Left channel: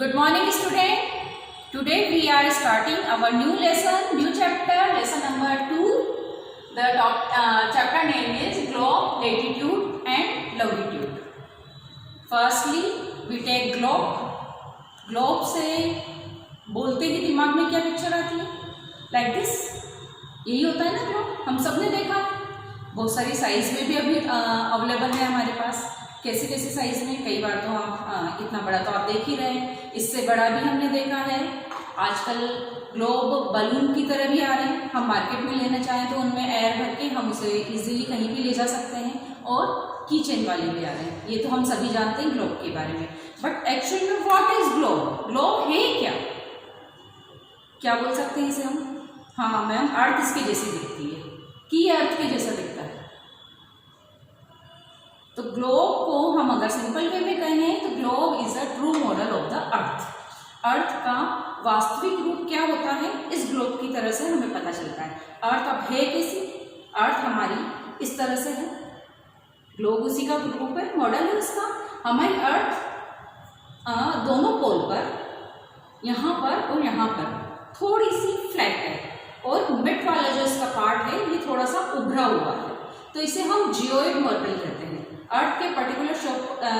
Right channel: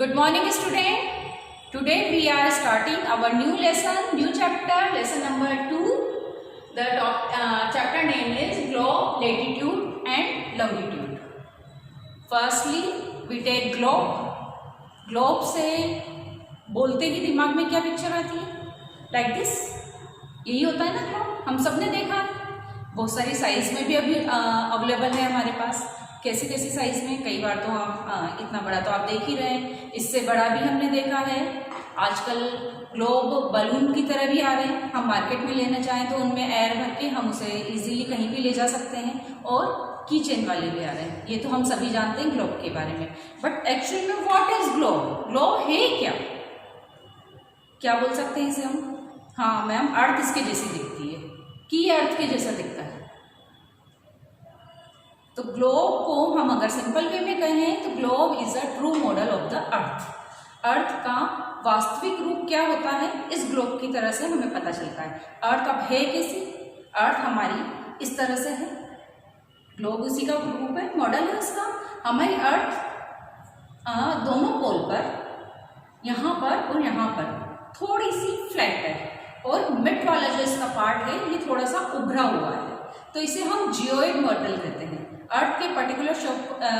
Good morning, student. Today we are starting our new lesson, new chapter, lesson number 2. The chapter name is globe, latitude and longitude. Firstly, we take globe. Globe से बोलते ही दिमाग में क्या picture आती है? Like this. यही होता है ना ग्लोब, हम सब ने देखा। बहुत सारी साइज में भी अभी अवेलेबल है हमारे पास। कैसे कैसे साइज में, कई बार तो हम इतना बड़ा तो आप देख ही रहे हैं, इससे बड़ा भी हमने देखा है। आजकल ग्लोब बलून की तरह भी आ रहे हैं, हम मार्केट में लेना चाहें तो उनमें एयर भर के हम उसे इजीली कहीं भी ले जा सकते हैं। और की चेन वाले भी आ रहे हैं, ये तो हम सभी जानते हैं ग्लोब के बारे में। बट एक्चुअली में व्हाट इज ग्लोब? ग्लोब है क्या? क्या बोल सकते हैं इसे हम? हाँ मैम, अर्थ इसके जैसी दिखती है, कि अर्थ के जैसा दिखता है। तो ग्लोब को हम अगर सिंपल वे में कहें तो globe is a true model of the earth. Earth का वास्तविक रूप क्या होता है, इस ग्लोब की तरह से हमें पता चलता है। अर्थ अब है कैसी? अर्थ हमारी इस तरह से है, ग्लोब उसी का रूप है, मॉडल है उसका। हमारी अर्थ दोनों पोल पर, यहाँ पर और यहाँ पर थोड़ी सी फ्लैट है, और मिड वाला जो इसका पार्ट है ये थोड़ा सा उभरा हुआ है, तो इसे हम जियोइड मॉडल कहते हैं। अर्थ के पर्टिकुलर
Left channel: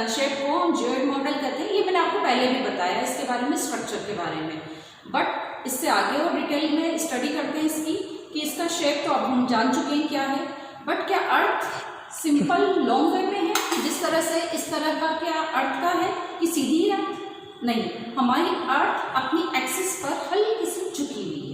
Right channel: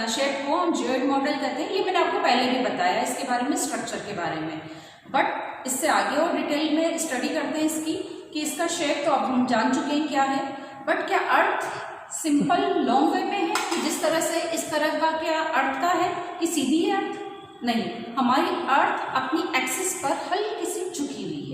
शेप को हम जियोइड मॉडल कहते हैं। ये मैंने आपको पहले भी बताया इसके बारे में, स्ट्रक्चर के बारे में। बट इससे आगे और डिटेल में स्टडी करते हैं इसकी, कि इसका शेप तो अब हम जान चुके हैं क्या है। बट क्या अर्थ सिंपल लॉन्ग वे में है कि जिस तरह से इस तरह का क्या अर्थ का है कि सीधी है अर्थ? नहीं, हमारी अर्थ अपनी एक्सिस पर हल्की सी झुकी हुई है।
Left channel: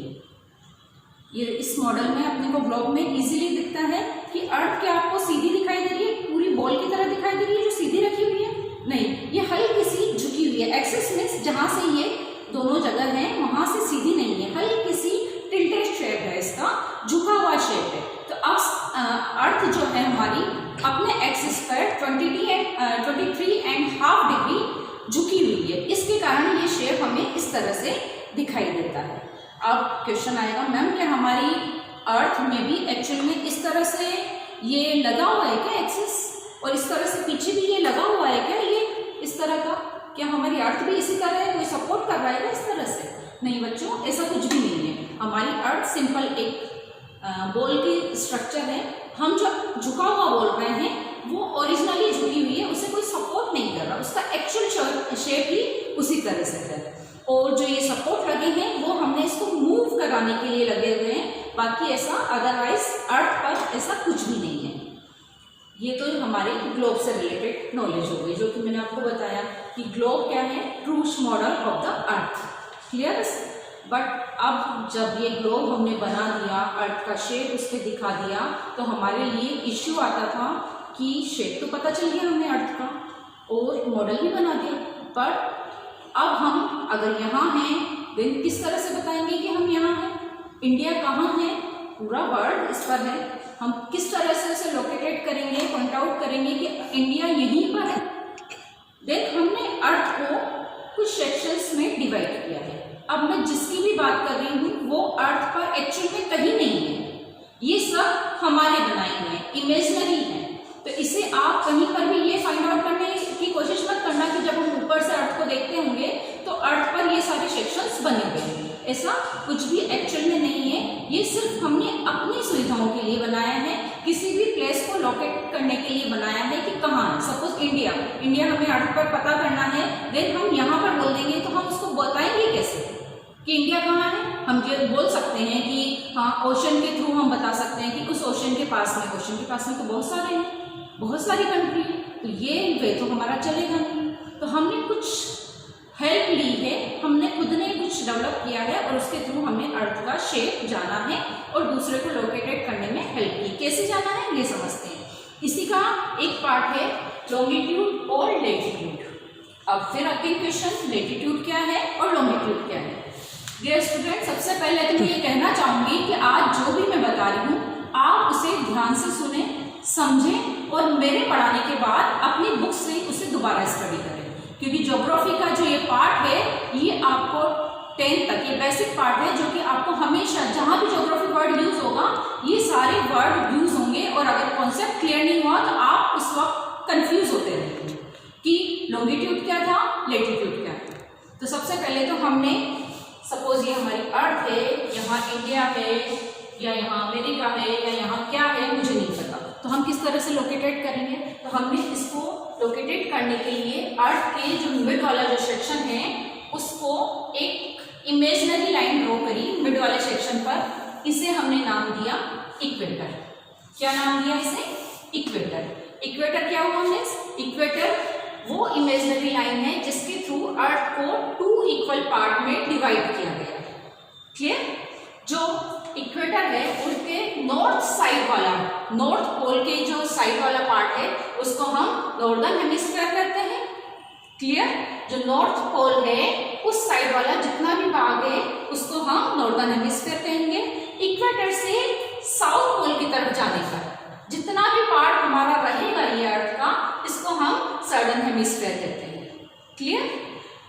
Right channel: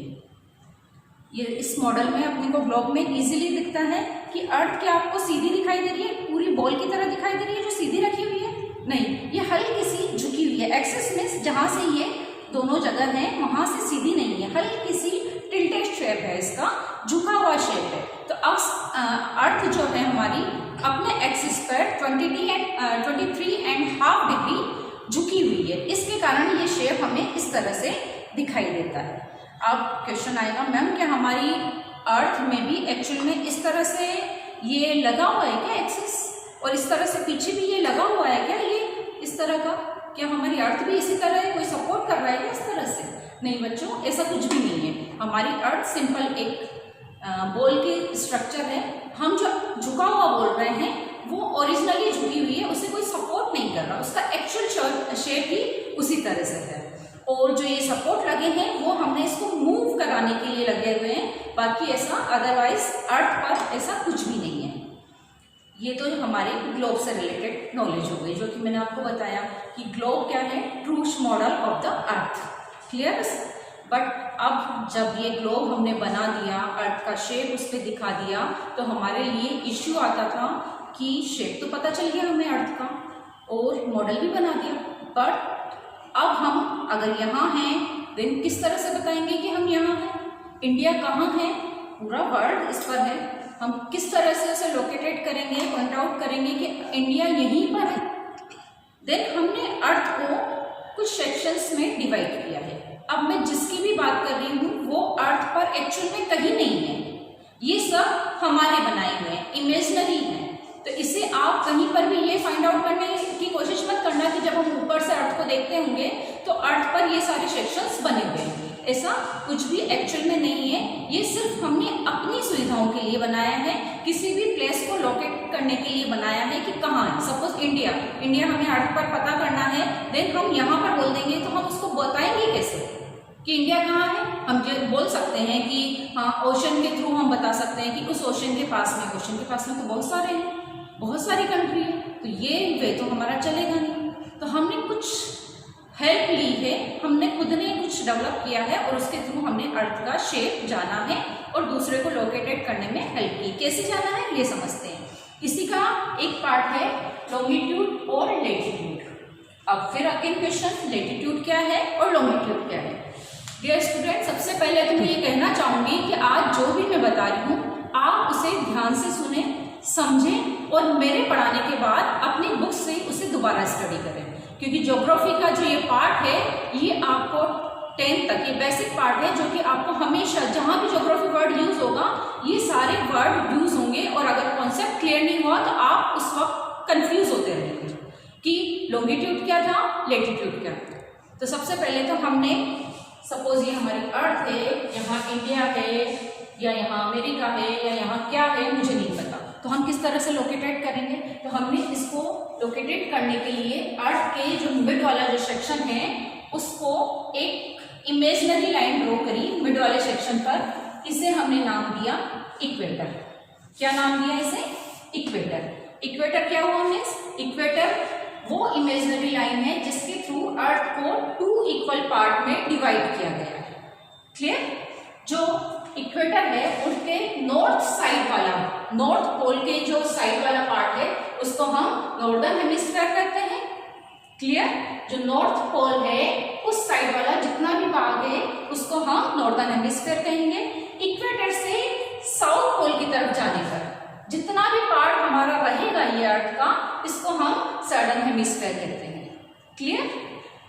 ये इस मॉडल में अपने को ग्लोब में इजीली दिखता है कि अर्थ क्या आपको सीधी दिखाई दे रही है, पूरी बॉल की तरह दिखाई दे रही है जो सीधी रखी हुई है? नहीं, ये हल्की सी झुकी हुई है। एक्सिस में जहां से ये दोनों जगह है वहां से सीधी नहीं है, हल्की सी टिल्टेड शेप है, इसका झुका हुआ शेप है। तो अब अर्थ जो है हमारी अपने एक्सिस पर 23.5 डिग्री झुकी हुई है। इसके कारण ये शेप हमें इस तरह से दिखाई देता है। अब क्वेश्चन आएगा, मैम क्या हमारी अर्थ में भी एक्चुअल में इस तरह से ये लगा हुआ है क्या एक्सिस, और इस तरह से पीछे भी ये लगा हुआ है क्या, ये इस तरह का? क्या हमारी अर्थ भी इसी तरह है, कोई सपोर्ट कर रहा है क्या इस तरह से? नहीं बच्चों, ऐसा कुछ भी नहीं है। हमारी अर्थ सिंपल एक बॉल की स्ट्रक्चर है। हम जो झुका हुआ बोल रहे हैं वो ओरिजिनली झुकी हुई है, उसे कोई सपोर्ट नहीं कर रहा, उसका एक्चुअल शेप ही उसी तरह से है। और जो ये सपोर्ट लगे हैं वो हमने इसको मूव कराने के लिए लगे हुए हैं, बाकी ऐसा अदरवाइज अर्थ पर ऐसा कुछ भी नहीं है। ये तो हमारे ग्लोब से रिलेटेड नॉलेज हो गई, जो कि मैंने आपको बताया कि ग्लोब क्या है, true model of the earth. Clear? But अब जब ये ग्लोब हमने बना दिया, अर्थ का शेप उसके दिखा दिया, तो हमारे लिए इश्यू आता था कि शेप तो पता चल गया हमें अर्थ का और मॉडल भी बना दिया, पर अब हम अगर यहाँ हैं देन किस तरह से बताएंगे कि हम यहाँ हैं? इंडिया कहाँ है? पूरा वर्ल्ड इस पर है, हम किस तरह से उसे लोकेटेट करेंगे, पॉइंट आउट करेंगे कि इंडिया यहीं पर है? देन हमने अर्थ को कुछ सेक्शंस में डिवाइड किया है। अब मैं जिसकी भी बात कर रही हूँ वो अर्थ पर एक्चुअल में कहीं नहीं है, ये सब हमारे बनाए हुए हैं, इमेजिनरी है। तो इसे आप कहीं पर भी ये फाइंड आउट करने की कोशिश मत करना कि जब हम ऊपर से अर्थ को देखते होंगे तो अर्थ पर ये सारे सेक्शंस बने हुए हैं, ऐसा कुछ भी एक्चुअल में नहीं है। ये सिर्फ हमने अपनी सुविधाओं के लिए बनाया है, किसी भी प्लेस को लोकेट करने के लिए बनाया है कि कहाँ है। सपोज इंडिया हमें अर्थ पर पता करना है, देन हम यहाँ पर बोल देंगे तो हम उसको बताएंगे कैसे कि इंडिया कहाँ है? हम ये बोल सकते हैं कि हाँ, ओशन के थ्रू हम बता सकते हैं कि उस ओशन के पास में, ओशन के पास में तो बहुत सारे हैं, बहुत सारी कंट्री है, तो ये वे तो हमारा चलेगा नहीं। तो हमने कुछ हेल्प ली है, हमने खुद ने कुछ डेवलप किया है और उसके थ्रू हमने अर्थ का शेप जाना है और दूसरे को लोकेटेट करने में हेल्प की। कैसे जाना है ये समझते हैं। इसी का एक पार्ट है लॉन्गिट्यूड और लेटीट्यूड। अब फिर अगेन क्वेश्चन, लेटीट्यूड क्या है और लॉन्गिट्यूड क्या है? डियर स्टूडेंट, सबसे पहले तो मैं ये कहना चाहूंगी कि आज जो भी मैं बता रही हूँ आप उसे ध्यान से सुने, समझें और मेरे पढ़ाने के बाद अपनी बुक से उसे दोबारा स्टडी करें, क्योंकि ज्योग्राफी का जो ये पार्ट है ये आपको 10th तक ये बेसिक पार्ट है, जो कि आपको हमेशा जहाँ भी ज्योग्राफी वर्ड यूज होगा ये सारे वर्ड यूज होंगे, और अगर कॉन्सेप्ट क्लियर नहीं हुआ तो आप उस वक्त कंफ्यूज होते रहेंगे कि लॉन्गिट्यूड क्या था, लेटीट्यूड क्या था। तो सबसे पहले तो हमने सपोज ये हमारी अर्थ है, यहाँ इंडिया है या यहाँ अमेरिका है या यहाँ क्या है मुझे नहीं पता, तो हम किस तरह से लोकेटेड करेंगे? तो हमने इसको लोकेटेड करने के लिए अर्थ के जो मिड वाला जो सेक्शन है उसको एक इमेजिनरी लाइन ड्रॉ करी मिड वाले सेक्शन पर, इसे हमने नाम दिया इक्वेटर। क्या नाम दिया इसे? इक्वेटर। इक्वेटर क्या हुआ मीन्स? इक्वेटर वो इमेजिनरी लाइन है जिसके थ्रू अर्थ को 2 इक्वल पार्ट में डिवाइड किया गया है। क्लियर? जो इक्वेटर है उसके नॉर्थ साइड वाला, नॉर्थ पोल के जो साइड वाला पार्ट है उसको हम नॉर्दर्न हेमिस्फीयर कहते हैं। क्लियर? जो नॉर्थ पोल है उस साइड वाला जितना भी भाग है उसको हम नॉर्दर्न हेमिस्फीयर कहेंगे। इक्वेटर से साउथ पोल की तरफ जाने पर जितना भी पार्ट हमारा रहेगा ये अर्थ का, इसको हम सदर्न हेमिस्फीयर कहते हैं। क्लियर?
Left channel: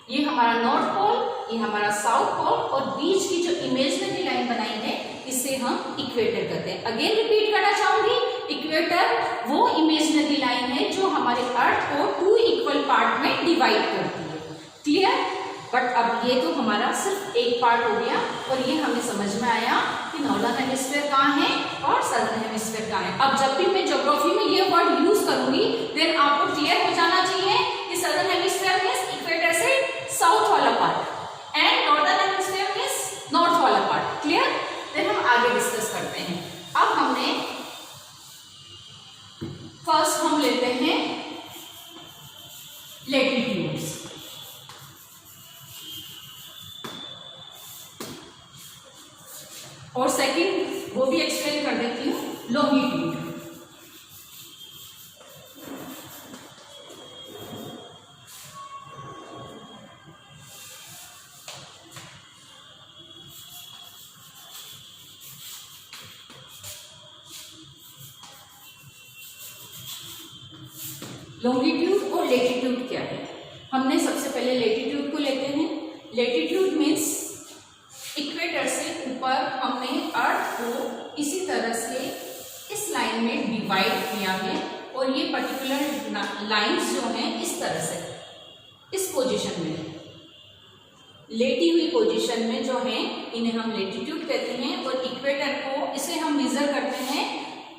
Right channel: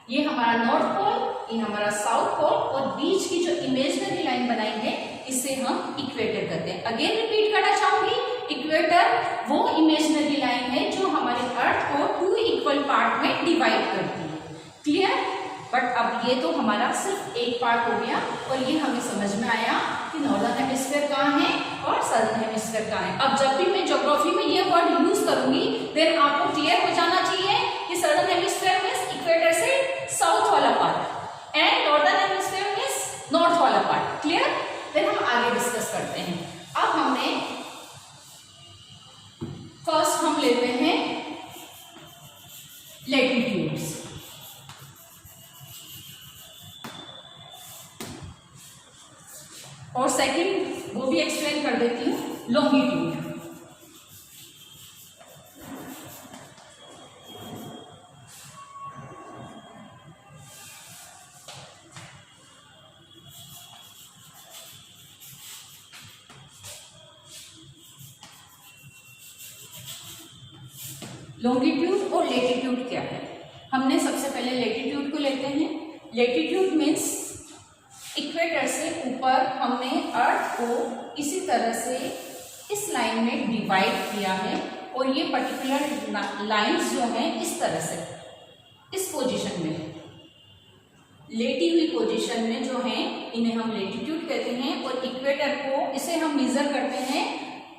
ये हमारा नॉर्थ पोल, ये हमारा साउथ पोल और बीच की जो इमेजिनरी लाइन बनाई है इसे हम इक्वेटर कहते हैं। अगेन रिपीट करना चाहूंगी, इक्वेटर वो इमेजिनरी लाइन है जो हमारे अर्थ को 2 इक्वल पार्ट में डिवाइड करती है। क्लियर? बट अब ये तो हमारा सिर्फ एक पार्ट हो गया और ये हमें समझ में आया कि नॉर्दर्न हेमिस्फीयर कहाँ है और सदर्न हेमिस्फीयर कहाँ है। अब जब भी मैं ज्योग्राफी में ये वर्ड यूज करूंगी देन आपको क्लियर हो जाना चाहिए कि सदर्न हेमिस्फीयर मींस इक्वेटर से साउथ वाला part and northern hemisphere means north वाला पार्ट। क्लियर? देन हम आगे डिस्कस करते हैं। अब हमने फर्स्ट हम लेते हैं लैटिट्यूड्स। और सेकंड वो भी एक्सप्लेन कर देती हूँ, लॉन्गिट्यूड। लॉन्गिट्यूड और लेटिट्यूड क्या है? हमने सबसे पहले लेटिट्यूड को लेते हैं। लेटिट्यूड मीन्स इक्वेटर से ऊपर हमने अर्थ को इसी तरह से इस लाइन में डिवाइड किया है और ये पर्टिकुलर लाइंस जो हैं इस तरह से इस पोजीशन में है, लेटी हुई पोजीशन में जो है इन्हें हम लेटिट्यूड कहते हैं। और इक्वेटर को इसे हम मेजर करते हैं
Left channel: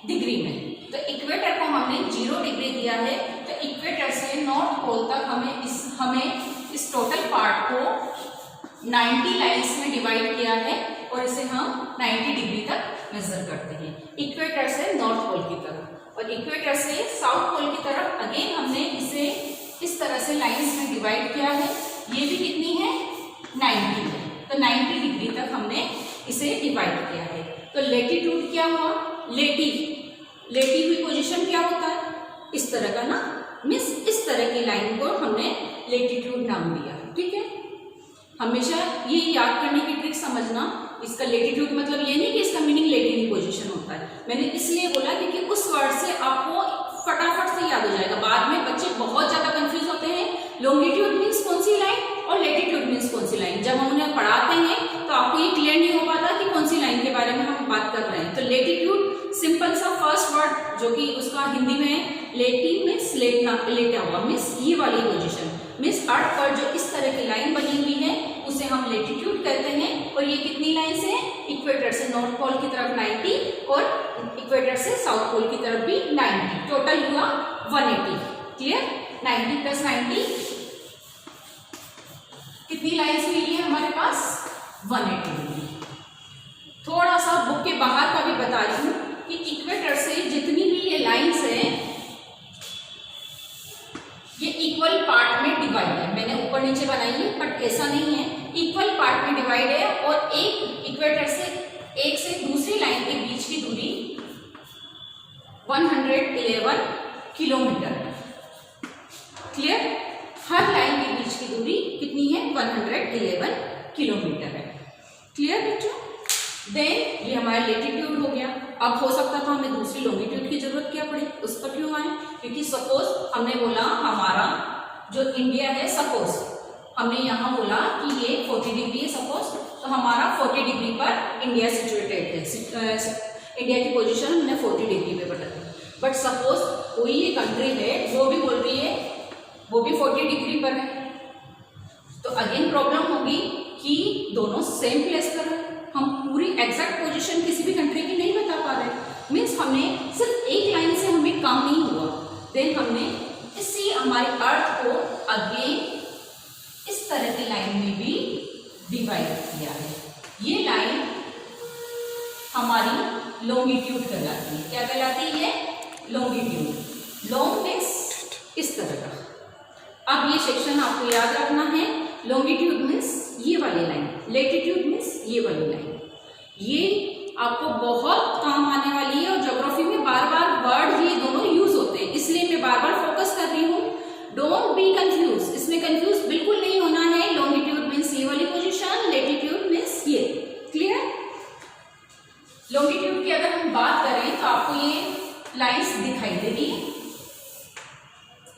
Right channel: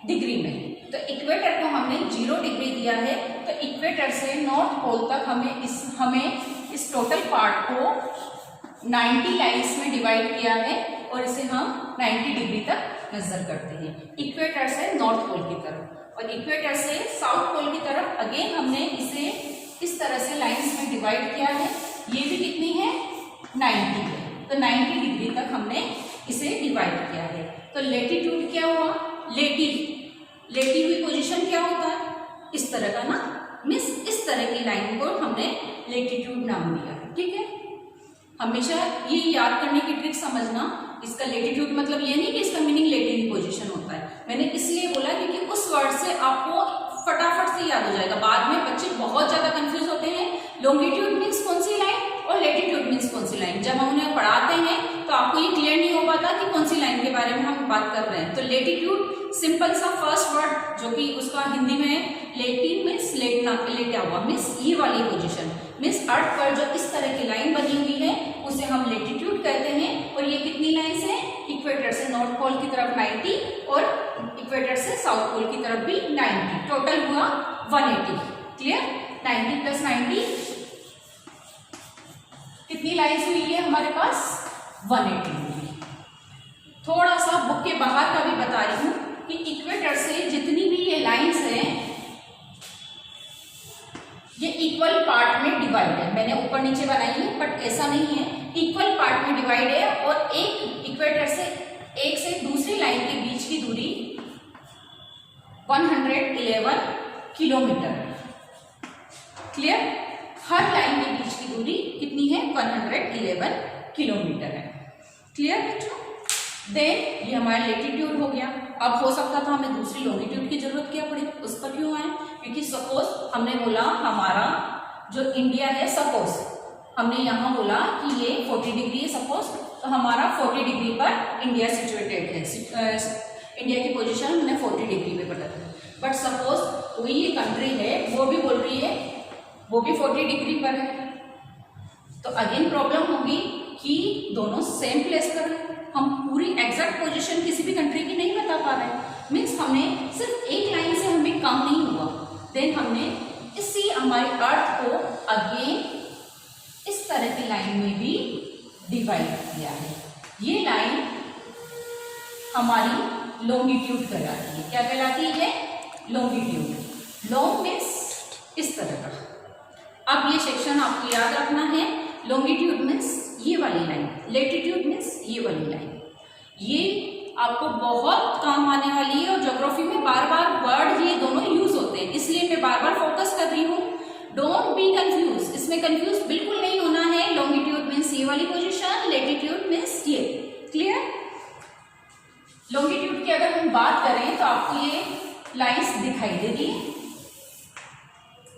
डिग्री में। तो इक्वेटर को हमने 0 डिग्री दिया है, तो इक्वेटर से नॉर्थ पोल तक हमें इस टोटल पार्ट को 90 लाइन्स में डिवाइड किया है और इसे हम 90 डिग्री तक मेजर करते हैं इक्वेटर से नॉर्थ पोल की तरफ। और इक्वेटर से साउथ पोल की तरफ अगेन हमने इसे इस तरह से लाइन्स में डिवाइड किया है। ये भी कितनी है? 90 है। तो 90 डिग्री तक हमने इसे डिवाइड किया है। तो लेटिट्यूड क्या हुआ? लेटी हुई पोजीशन क्या होता है? इस तरह का ना, मीन्स इस तरह की लाइन को हमने लेटिट्यूड नाम दिया। ठीक है? हमेशा ये याद करने की ट्रिक समझना, इसका लेटिट्यूड मतलब ये नहीं कि इसका मीनिंग लेटी हुई पोजीशन होता है। मैंने इसलिए बोला क्योंकि उस वर्ड से आपको फटाफट से याद हो जाएगा। बाद में बच्चे बहुत ज्यादा कंफ्यूज होते हैं, लॉन्गिट्यूड मीन्स कौन सी लाइन और लेटिट्यूड मीन्स कौन सी लाइन। जब हम उन्हें पढ़ाते हैं तो आपको ये क्लियर नहीं हो पाता कि कौन सी लाइन के बारे में हम बात कर रहे हैं। तो लेटिट्यूड सिंपल सा फर्स्ट वर्ड जो कि उसका हिंदी में है लेटी मीन्स लेटा हुआ, मीन्स ये वाली पोजीशन, मीन्स अर्थ पर जो इस तरह की लाइन बनी हुई है उसे हम लेटिट्यूड कहते हैं। और ये कितनी लाइन्स है? इक्वेटर से नॉर्थ पोल की तरफ 90 और इक्वेटर से साउथ पोल की तरफ भी 90, टोटल हुआ 180। क्लियर? 90 प्लस 90 कितनी लाइन्स हुई है हमारे पास? 180 हुई। थोड़ा सा बुक के बाहर का भी बता रही हूँ कि इक्वेटर से जितनी भी ये लाइन्स हैं ये इक्वल पार्ट में डिवाइड है। मैंने ऊपर नीचे बनाई है बट ऐसा नहीं है, इक्वल पार्ट में डिवाइड है। और एक इक्वेटर से एक से दूसरी लाइन के बीच की दूरी 111 किलोमीटर। क्लियर? हर लाइन के बीच की दूरी कितनी है? 111 किलोमीटर है। क्लियर बच्चों? देन ये हमारा लेटिट्यूड हो गया। अब हो सकता था हमें दूसरी लॉन्गिट्यूड की जरूरत क्या पड़े, उस पर क्यों आए? क्योंकि सपोज हमने बोला हमारा जो इंडिया है, सपोज हमने यहाँ बोला कि ये 40 डिग्री है सपोज, तो हमारा 40 डिग्री पर इंडिया सिचुएटेड है। इंडिया की पोजीशन हमने 40 डिग्री पे बता दी। बट सपोज कोई ये कंट्री है वो भी बोल रही है वो भी 40 डिग्री पर है, तो अगेन प्रॉब्लम होगी कि दोनों सेम प्लेस पर है, हम पूरी एग्जैक्ट पोजीशन किसी भी कंट्री की नहीं बता पा रहे, मीन्स हमें सिर्फ एक लाइन से हमें काम नहीं हुआ। देन हमने इसी हमारी अर्थ को अगेन इस तरह की लाइन में भी डिवाइड किया है। ये लाइन हमारी लॉन्गिट्यूड कहलाती है। क्या कहलाती है ये? लॉन्गिट्यूड। लॉन्ग मीन्स इस तरह का। अब ये सेक्शन आपको याद रखना है। लॉन्गिट्यूड मीन्स ये वाली लाइन, लेटीट्यूड मीन्स ये वाली लाइन। ये आपको बहुत काम आने वाली है और ज्योग्राफी में बार बार वर्ड ये दोनों यूज होते हैं, इसलिए मैं बार बार फोकस कर रही हूँ। डोंट बी कंफ्यूज, इसमें कंफ्यूज बिल्कुल नहीं होना है। लॉन्गिट्यूड मीन्स ये वाली पोजीशन, लेटीट्यूड मीन्स ये। क्लियर? लॉन्गिट्यूड की अगर हम बात करें तो आपको ये लाइंस दिखाई दे रही है।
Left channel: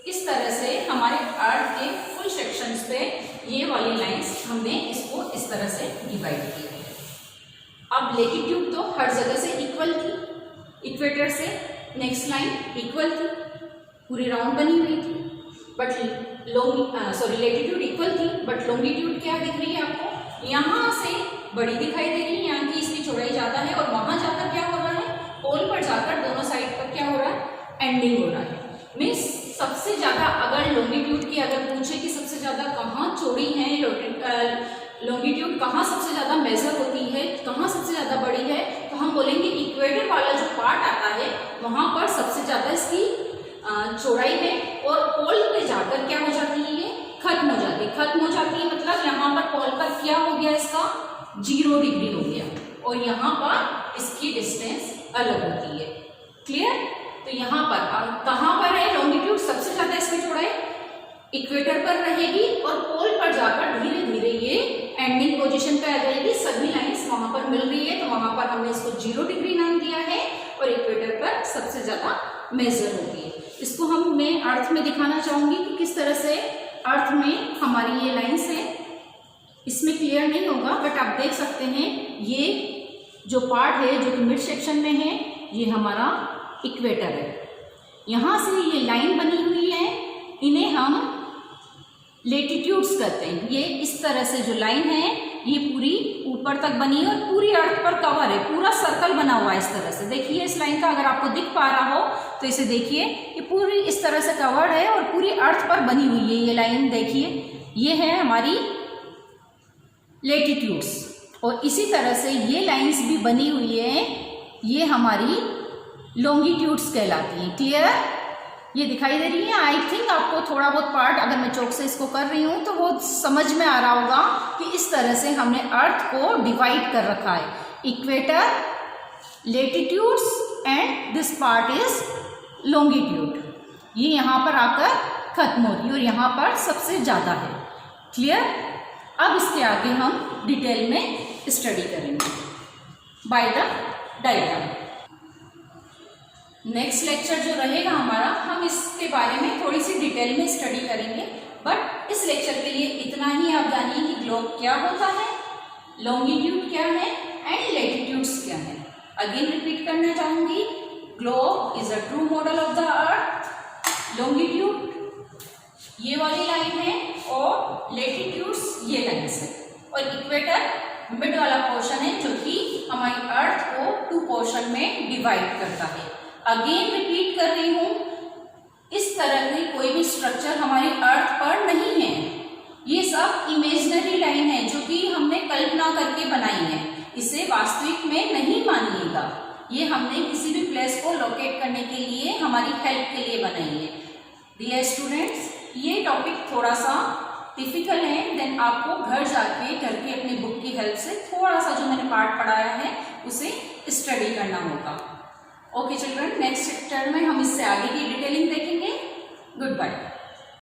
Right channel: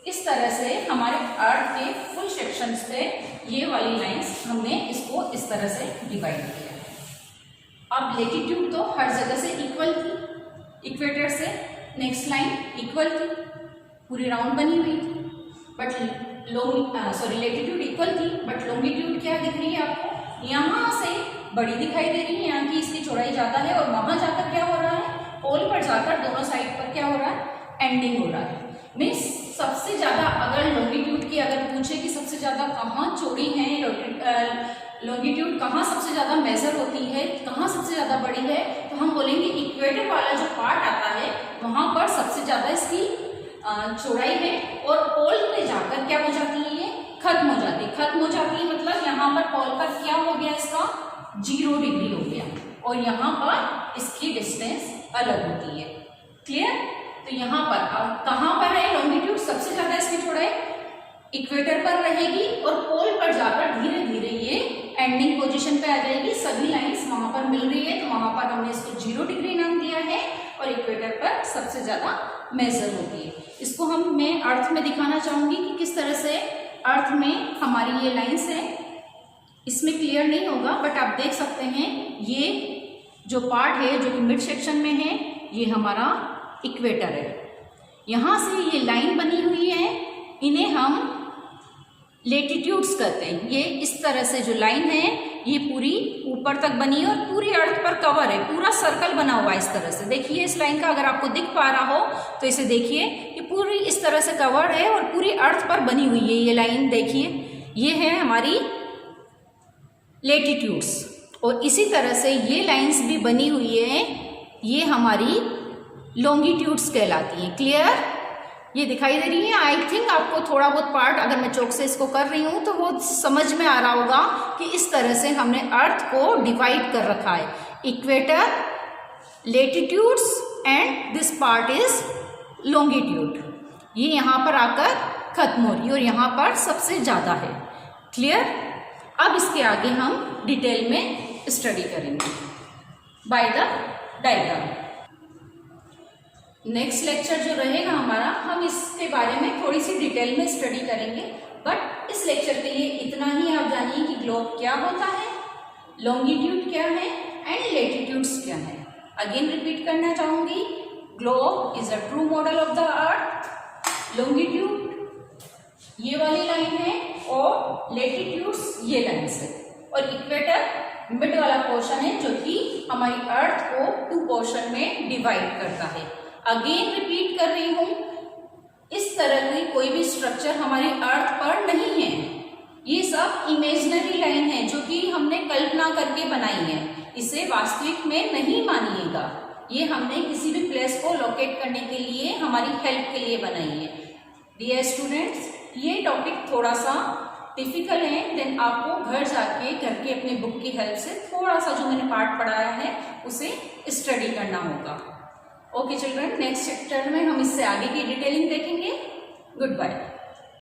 इस तरह से हमारे अर्थ के फुल सेक्शंस पे ये वाली लाइंस हमने इसको इस तरह से डिवाइड किया है। अब लेटीट्यूड तो हर जगह से इक्वल थी, इक्वेटर से नेक्स्ट लाइन इक्वल थी, पूरी राउंड बनी हुई थी। बट लेटीट्यूड इक्वल थी, बट लॉन्गिट्यूड क्या दिख रही है आपको? यहाँ से बड़ी दिखाई दे रही है, यहाँ की इसकी चौड़ाई ज्यादा है, और वहां जाकर क्या हो रहा है? पोल पर जाकर दोनों साइड पर क्या हो रहा है? एंडिंग हो रहा है। मीन्स सबसे ज्यादा अगर लॉन्गिट्यूड की अगर पूछे कि सबसे ज्यादा कहाँ चौड़ी है, लॉन्गिट्यूड कहाँ सबसे ज्यादा मेजर होती है, कहाँ सबसे ज्यादा बड़ी है, तो हम बोलेंगे इक्वेटर वाला जो पार्ट आता है वहां पर सबसे ज्यादा इसकी चौड़ाई है, और पोल पे जाकर क्या हो जाती है? ये खत्म हो जाती है। खत्म हो जाती है मतलब यहाँ पर पोल पर क्या हो गया? इसका 0 डिग्री हो गया, और यहाँ पर इसकी डिस्टेंस अलग होती है। क्लियर? तो यहाँ पर कहाँ पर है लॉन्गिट्यूड सबसे ज्यादा इसकी चौड़ाई? इक्वेटर पर रहेगी, और पोल पर जाकर धीरे धीरे ये एंडिंग पोजीशन पे आ जाएगी। सभी लाइंस वहां पर मिल रही है, तो वहां पर हमने इसको 0 डिग्री नाम दिया है, और इक्वेटर पर सबसे ज्यादा मेजर होती है। इसको मैं अर्थ में दिखाना चाहूंगी कि किस तरह से अर्थ में हमारी ये लाइंस है। इसमें क्लियर नहीं होगा, बट आप देख सकते हैं ये जो पार्ट है जो कि मिड सेक्शन में है, ये हमारा इक्वेटर है। यहाँ से ये लाइन बनी हुई है, इन्हें हम लेटीट्यूड्स कहते हैं। ये इस तरह से जो लाइन है ये पूरी ऊपर तक बनी है, और पूरी अर्थ पर कवर है, पूरा सर्कल बना हुआ है इस तरह से। देखिए इस लाइन का अगर आपको दिख पा रहा हो तो इसे देखिए, ये पूरी इस तरह से कवर है और पूरी अर्थ पर बनी हुई है ये लाइन। देखिए ये है हमारी लेटीट्यूड्स, और इसी तरह से ये लाइंस भी बनी हुई है, ये हमारी लॉन्गिट्यूड्स कहलाती है। क्लियर? ये दिखाई दे रही है। आई थिंक आपको थोड़ा बहुत पार्ट अगर मैं चौक से इसको कर रही हूँ तो वो समझ में आ रहा होगा कि इस तरह से हमने अर्थ को डिवाइड कर रखा है। Equator, latitudes and this part is longitude. ये यहाँ पर आकर खत्म हो रही है और यहाँ पर सबसे ज्यादा है। क्लियर? अब इसके आगे हम डिटेल में स्टडी करेंगे by the diagram. Next lecture जो रहेगा हमारा, हम इसके बारे में थोड़ी सी डिटेल में स्टडी करेंगे, बट इस लेक्चर के लिए इतना ही आप जानिए कि ग्लोब क्या होता है, लॉन्गिट्यूड क्या है एंड लेटीट्यूड्स क्या है। अगेन रिपीट करना चाहूंगी, globe is a true model of the earth, longitude ये वाली लाइन है, और लेटीट्यूड्स ये लाइन है, और इक्वेटर मिड वाला पोर्शन है जो कि हमारी अर्थ को 2 पोर्शन में डिवाइड करता है। अगेन रिपीट कर रही हूं, इस तरह की कोई भी स्ट्रक्चर हमारी अर्थ पर नहीं है। ये सब इमेजिनरी लाइन है जो कि हमने कल्पना करके बनाई है, इसे वास्तविक में नहीं मानिएगा। ये हमने किसी भी प्लेस को लोकेट करने के लिए, हमारी हेल्प के लिए बनाई है। डियर स्टूडेंट्स, ये टॉपिक थोड़ा सा डिफिकल्ट है, देन आपको घर जाके करके अपनी बुक की हेल्प से थोड़ा सा जो मैंने पार्ट पढ़ाया है उसे स्टडी करना होगा। ओके चिल्ड्रन, नेक्स्ट चैप्टर में हम इससे आगे की डिटेलिंग देखेंगे। Good bye.